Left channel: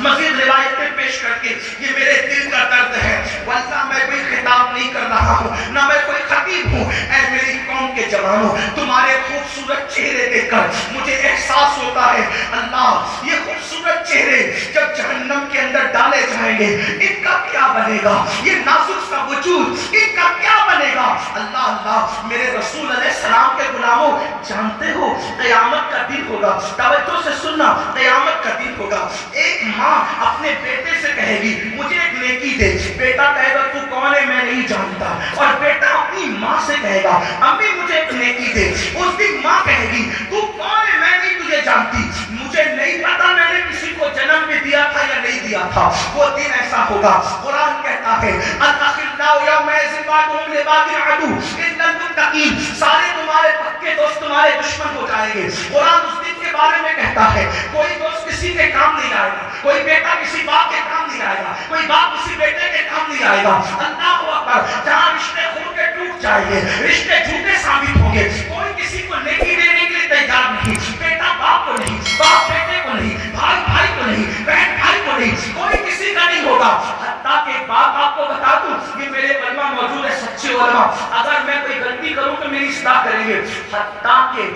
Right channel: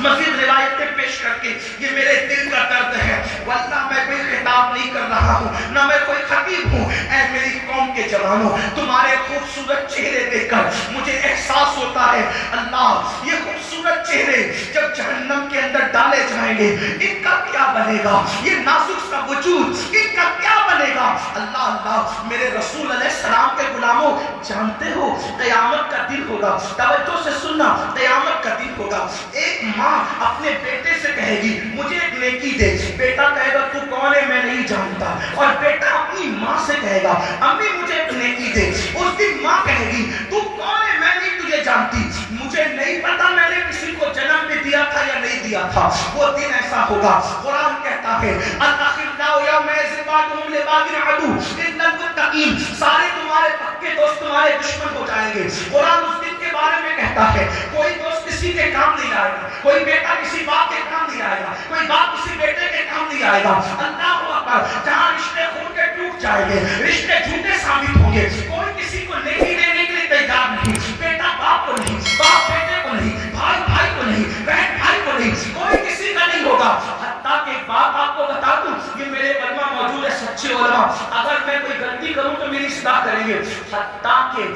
مزید روایتیں پیش کر کے یہ میرے دل کا درد ہے، واللہ میں کوئی خطاب نہیں کر رہا ہوں، نہ میں کوئی خطیب ہوں، اے میری قوم کے جوانوں، تمہارے خوبصورت چہرے دیکھ کر مجھے احساس ہوتا ہے اللہ یہ خوبصورت چہرے جب جہنم کے اندر ڈالے جائیں گے ان کا کیا بنے گا، یہ نازک کا وجود ان کا کیا بنے گا۔ اللہ اللہ میرے رسول علیہ السلام کے غلاموں، جانتے ہو قیامت کا دن ہوگا، توجہ سے سننا، قیامت کا دن ہوگا، ایک ماں اپنے بیٹے سے کہے گی مجھے ایک نیکی دے، بیٹا کہے گا تو کون ہے میں نہیں جانتا، اور بیٹا اپنی ماں سے کہے گا امی مجھے ایک نیکی دے، اس کی ماں کہے گی تو کون ہے میں نہیں تجھے جانتی، مجھے نہیں پتا میں نے کسی کو جنم میں دیا تھا یا نہیں دیا تھا، وہ دن ایسا ہوگا۔ قرآن کہتا ہے الاخلاء یومئذ بعضهم لبعض عدو الا المتقین، سارے تمہارے پکے دوست تمہارے دشمن ہو جائیں گے۔ قرآن اس دن کے بارے میں کہتا ہے کوئی دوست کسی کے کام نہیں آئے گا، کوئی بیٹا کسی باپ کے کام نہیں آئے گا، کوئی باپ کسی بیٹے کے کام نہیں آئے گا۔ اللہ اکبر، جہاں رشتے خون کے ٹوٹ جائیں گے، رشتے جھوٹے ثابت ہوں گے، کوئی کسی کو نیکی دینے کے لیے تیار نہیں، بیٹا باپ کو نہیں، باپ بیٹے کو نہیں، بھائی بھائی کو نہیں، بہن بھائی کو نہیں، کوئی کسی کا نہیں ہوگا۔ حتیٰ کہ باپ آپ کو بتا دوں، یہ میرے علماء موجود ہے سچے علماء، اگر میں کوئی غلطی کروں تو میری اصلاح کریں گے، حتیٰ کہ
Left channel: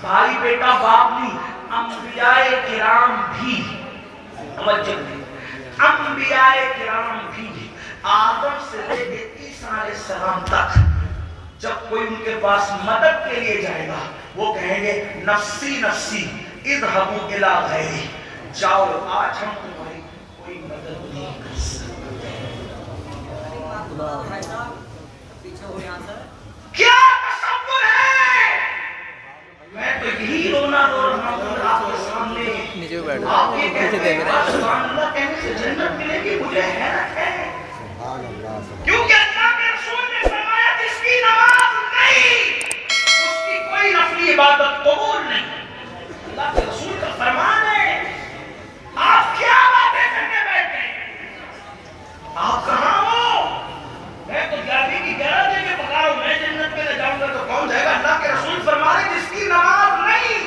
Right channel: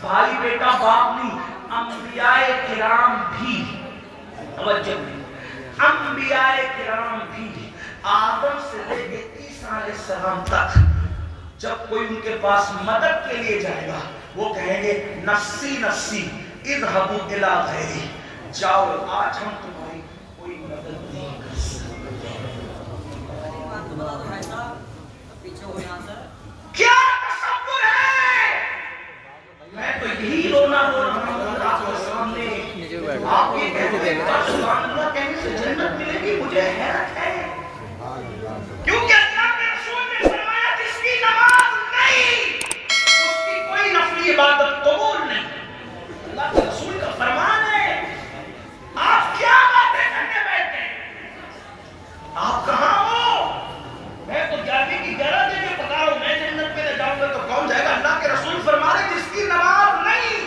بھائی بیٹا باپ نہیں، انبیاء کرام بھی، توجہ انبیاء کرام بھی آدم سے لے کے عیسیٰ علیہ السلام تک جب کوئی ان کے پاس مدد کے لیے جائے گا وہ کہیں گے نفسی نفسی اذهبوا الی غیری، جاؤ آج ہم تمہاری کوئی مدد نہیں کر سکتے۔ کیا تصور ہے، میں تو یہی رونا رو رہا ہوں آپ کے سامنے، آپ یہ کہتے ہیں اللہ کہنے سے جنت ملے گی، مجھے حیرت ہے کیونکہ اللہ کے رسول نے فرمایا جس کی نماز نہیں اس کی کوئی نفلی عبادت قبول نہیں۔ اللہ کے رسول کا فرمان ہے، آپ کیا باتیں کرنے بیٹھے، آپ کہاں ہو، میں تو جانے کی گرہ دے کے پکا رہا ہوں، میں جنت میں نہ جاؤں گا تو کون جائے گا۔ اللہ کے رسول فرما رہے جس کی نماز نہیں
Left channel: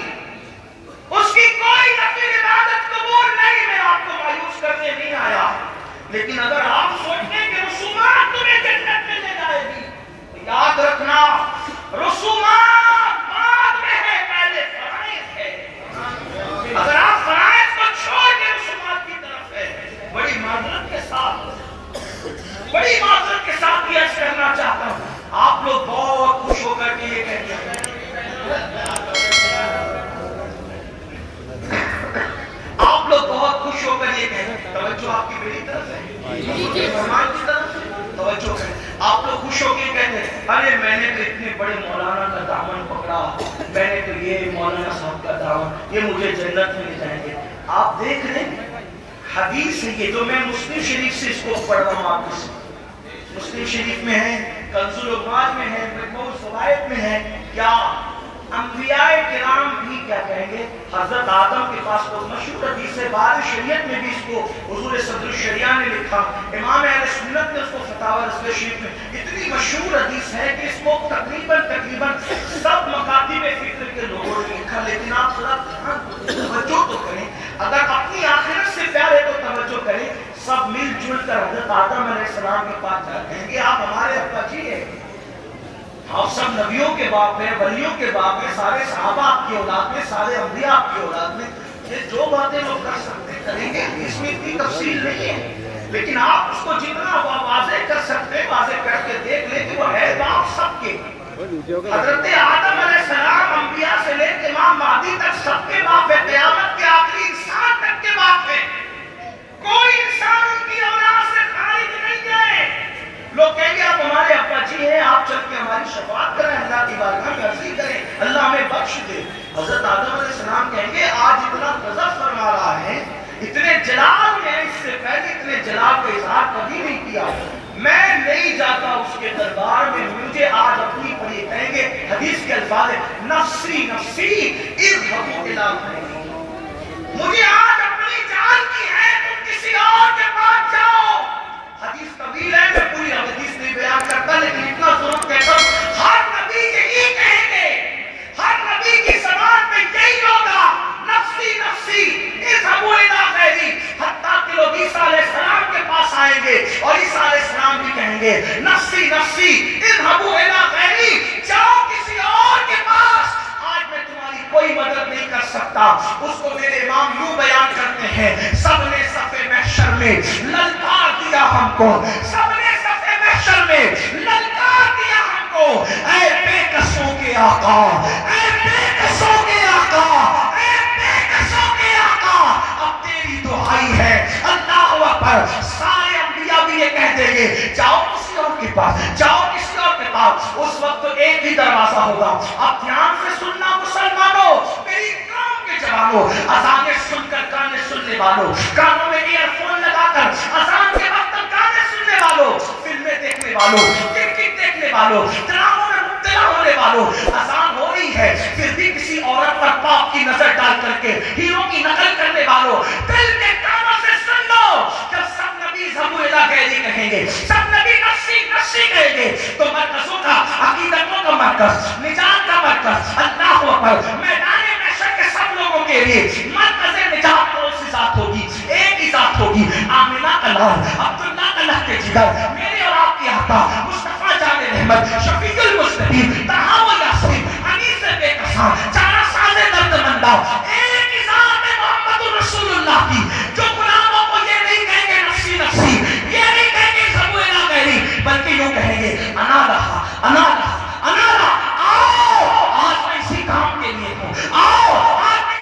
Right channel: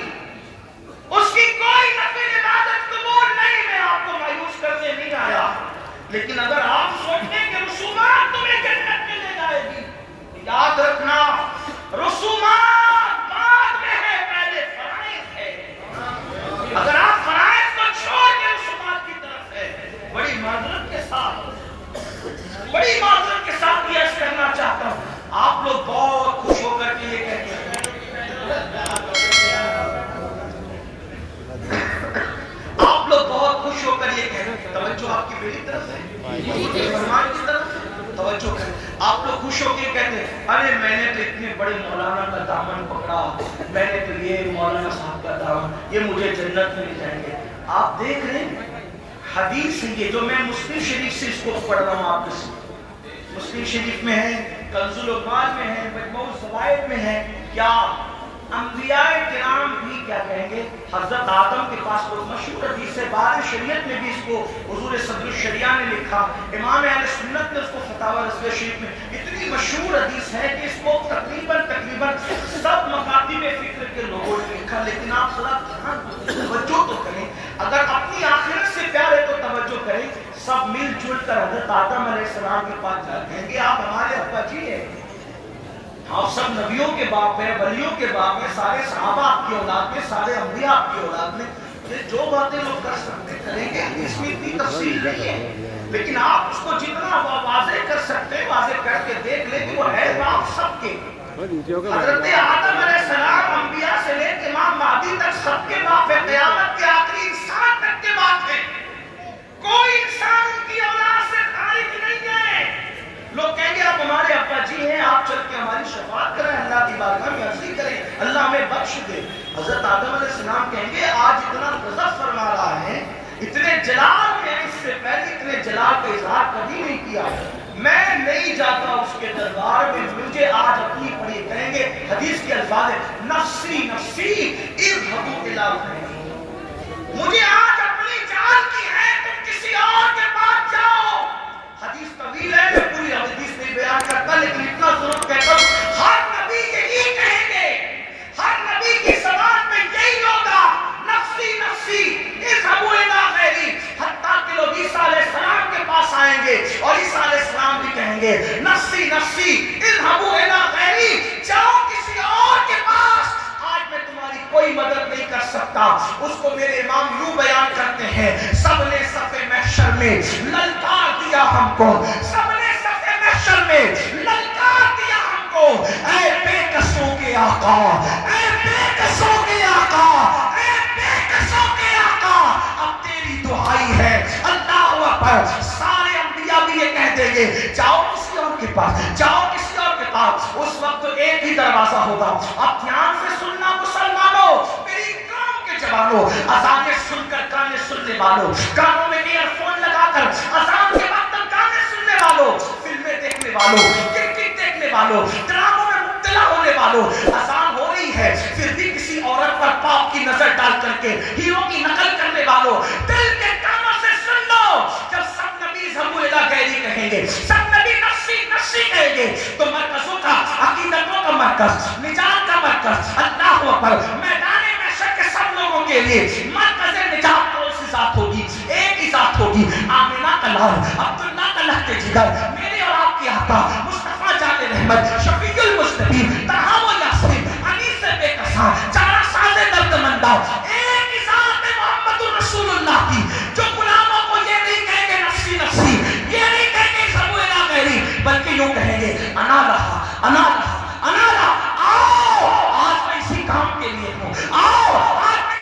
اس کی کوئی نفلی عبادت قبول نہیں، میں آپ کو مایوس کرنے نہیں آیا، لیکن اگر آپ سوچتے کہ رسومات تمہیں جنت میں لے جائے گی، یاد رکھنا رسومات بعد میں ہے، پہلے فرائض ہے۔ اگر آپ فرائض کو چھوڑ کے رسومات کی طرف ہے، بڑی معذرت کے ساتھ یہ عرض کرنا چاہتا ہوں، آپ لوگ بہت خوش ہو کر کے یہ کہتے ہیں، آپ لوگ بہت خوش ہو کر یہ کہتے ہیں، توجہ آپ کی میری طرف ہے، فرمان کی طرف ہے، توجہ کریں، آپ لوگ خوش ہو کے کہتے ہیں ارے میں نے تو اتنے بڑے مولانا کا دامن پکڑا، میں نے تو یہ مولانا صاحب کا دامن، یہ مجھے جنت میں لے جائیں گے۔ آپ دیکھ رہے ہیں حدیث ہے یہ جو میں مسلم شریف سے اس کو پڑھ رہا ہوں، آپ سے مسلم شریف میں ہے، کنز العقاد میں ہے، مجموع الزوائد میں ہے، کیا انبیاء کرام بھی کیا کہیں گے، حضرت آدم کے پاس تو مشہور حدیث ہے، بعد شریعت میں بھی اس کو حضور صدر الشریعہ نے لکھا، امام اہل سنت نے اس کو فتاوی رضویہ شریف میں، اتنی مشہور حدیث ہے کہ اس کو تقریباً سب مکاتب فکر کے لوگوں نے لکھا، لیکن آپ ذرا توجہ تو کریں، اگر اپنی آخرت سے پیار ہے تو توجہ کریں، سب مل جل کر حضرت آدم علیہ السلام کے پاس کہیں گے آپ ہمارے ابا جی ہیں، آپ سب نبیوں کے باپ ہیں، ولیوں کے باپ ہیں، سارے صحابہ آپ کی اولاد میں، سارے انبیاء آپ کی اولاد میں، یہ جو باتیں لوگ کر سکتے کریں گے، اس میں اتنی تفصیل نہیں ہے، لیکن آپ اس کو جتنا واضح کر سکتے ہیں واضح کر کے دیکھ لیں کہ وہ ہے باپ سب کے، حضرت آدم علیہ السلام انبیاء سے لے کے امام مہدی تک سب کے باپ ہے، قیامت کے آخری انسان تک کے باپ ہے، کوئی انسان ان کی اولاد سے خارج نہیں ہے۔ لوگ کہیں گے آپ ہمارے ابا جی ہیں، آپ چل کے ہماری شفاعت کریں، اللہ کی بارگاہ میں عرضی کریں، اللہ ہمیں بخش دے۔ حضرت آدم علیہ السلام کہیں گے آج اتنا غضب فرما رہا ہے، اتنے جلال میں اس سے پہلے اتنے جلال کا اظہار کبھی نہیں کیا، میں نہیں جاتا اس کے دربار میں، مجھے آج اپنی پڑی کہیں گے، حدیث کے الفاظ ہے نفسی نفسی اذهبوا الی غیری، مجھے آج اپنی جان کی ہے، تم کسی اور کے پاس جاؤ۔ حدیث طویل ہے، میں پوری حدیث نہیں بیان کرتا، لیکن اتنا ضرور کہتا ہوں ہر نبی یہی کہیں گے، ہر نبی کی زبان میں یہی ہوگا نفسی نفسی اذهبوا الی غیری، حتی کہیں گے نفسی نفسی اذهبوا الی غیری، جاؤ کسی اور کے پاس، آج میں تمہاری کوئی مدد نہیں کر سکتا. اس کو میرے امام یوں بیان کرتے ہیں سب نے صف محشر میں للکار دیا ہم کو، سب نے صف محشر میں للکار دیا ہم کو، اے بے کسوں کے آقا، اے بے کسوں کے آقا، اے بے کسوں کے آقا، اب تیری دعائی ہے. اللہ اکبر. سارے انبیاء بھی یہ کہہ دیں گے جاؤ کسی اور کے پاس، جاؤ کسی اور کے پاس. اس وقت تو ایک ہی دروازہ ہوگا. اب دھیان سے سننا مسلمانوں، میری قوم کے جوانوں، اذانیں سن کر گانے سننے والوں، کانوں میں ایئر فون لگا کر اذان کے وقت گانے سننے والوں، فلمیں دیکھنے والوں، کرکٹ دیکھنے والوں، ڈراموں میں مبتلا ہونے والوں، اذان ہو رہی ہے پھر بھی کسی عورت پر پاپ کی نظر ڈال کر کے ہیرو کی نقل کرنے والوں، دل کے کانوں سے سن لو. جب سب نبی اذهبوا الی غیری کہیں گے، سب نبی نفسی نفسی کہیں گے، تو مرکزوں کا، عقیدتوں کا مرکز، نجات کا مرکز، اللہ اکبر، میدان محشر کے سب لوگوں کے لیے مرکز نجات کون سی ذات ہوگی؟ ایک ہی ذات ہوگی. آمینہ کا لال، عبداللہ کا لہتے جگر، میرے اور آپ کے آقا مصطفیٰ جان رحمت، شفیع المذنبین، طہٰ و یاسین، انیس بے کساں، چارہ ساز درد مندہ، ایک ہی ذات ہے محمد رسول اللہ کی، جو غلاموں کو یہ نہیں کہیں گے نفسی نفسی، یہ نہیں کہیں گے اذهبوا الی غیری، بلکہ یوں کہیں گے انا لہا انا